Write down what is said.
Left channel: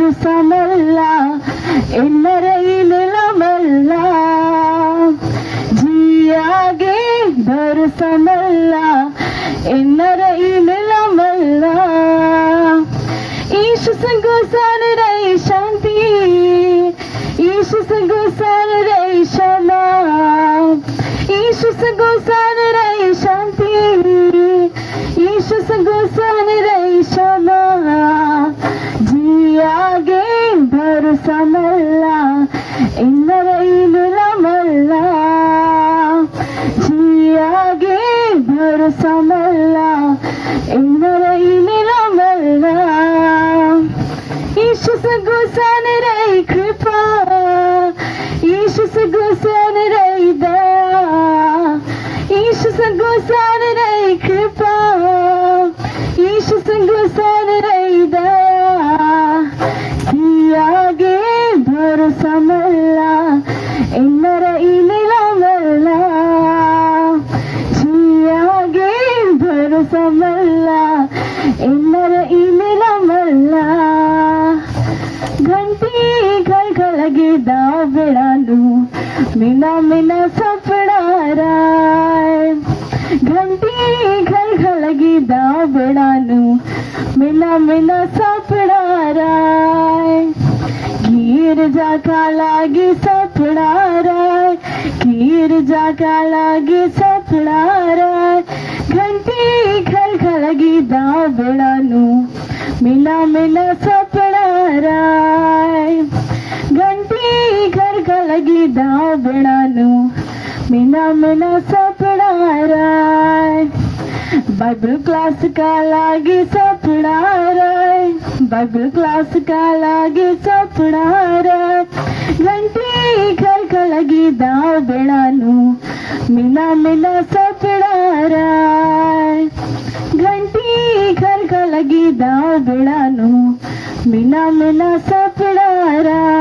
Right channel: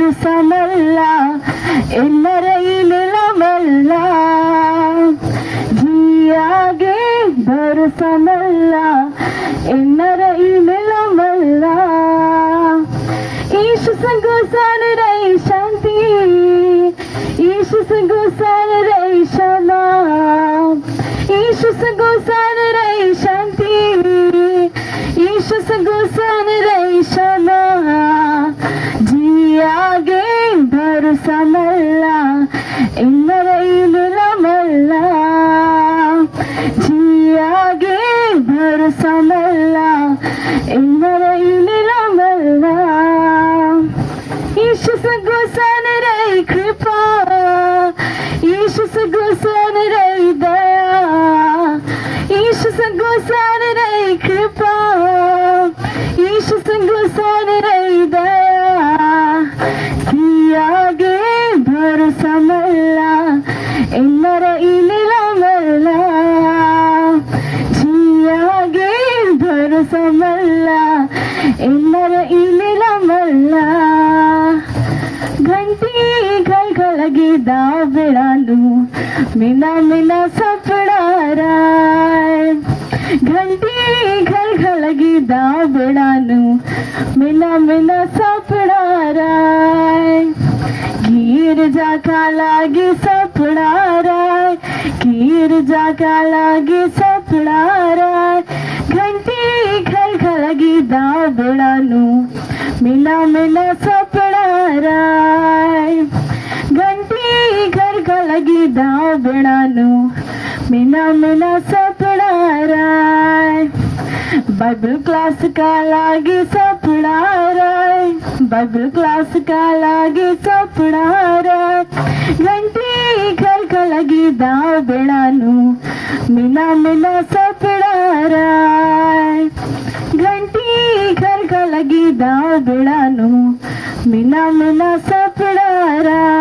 समल्ला इन्नरैल लमल्ला जियागे भर समल्ला इन्नरैल लमल्ला ईश संगोसान रही शांति ईश संगोसान रही क्षमा ईश संगोसान रही शांति ईश संगोसान रही क्षमा जियागे भर समल्ला इन्नरैल लमल्ला जियागे भर समल्ला इन्नरैल लमल्ला ईश संगोसान रही कृपा ईश संगोसान रही दया ईश संगोसान रही कृपा ईश संगोसान रही दया कियागे भर समल्ला इन्नरैल लमल्ला जियागे भर समल्ला इन्नरैल लमल्ला घंटी घलघलगी दाबड़ालू मिना मिना सपड़ाराय घंटी घलघलगी दाबड़ालू मिना मिना सपड़ाराय गिर जाका लागी सपड़ाराय गिर जाका लागी सपड़ाराय घंटी घलघलगी दाबड़ालू मिना मिना सपड़ाराय घंटी घलघलगी दाबड़ालू मिना मिना सपड़ाराय बाइबल क्लास का लागे सपड़ाराय बाइबल क्लास का लागे सपड़ाराय घंटी घलघलगी दाबड़ालू मिना मिना सपड़ाराय घंटी घलघलगी दाबड़ालू मिना मिना सपड़ाराय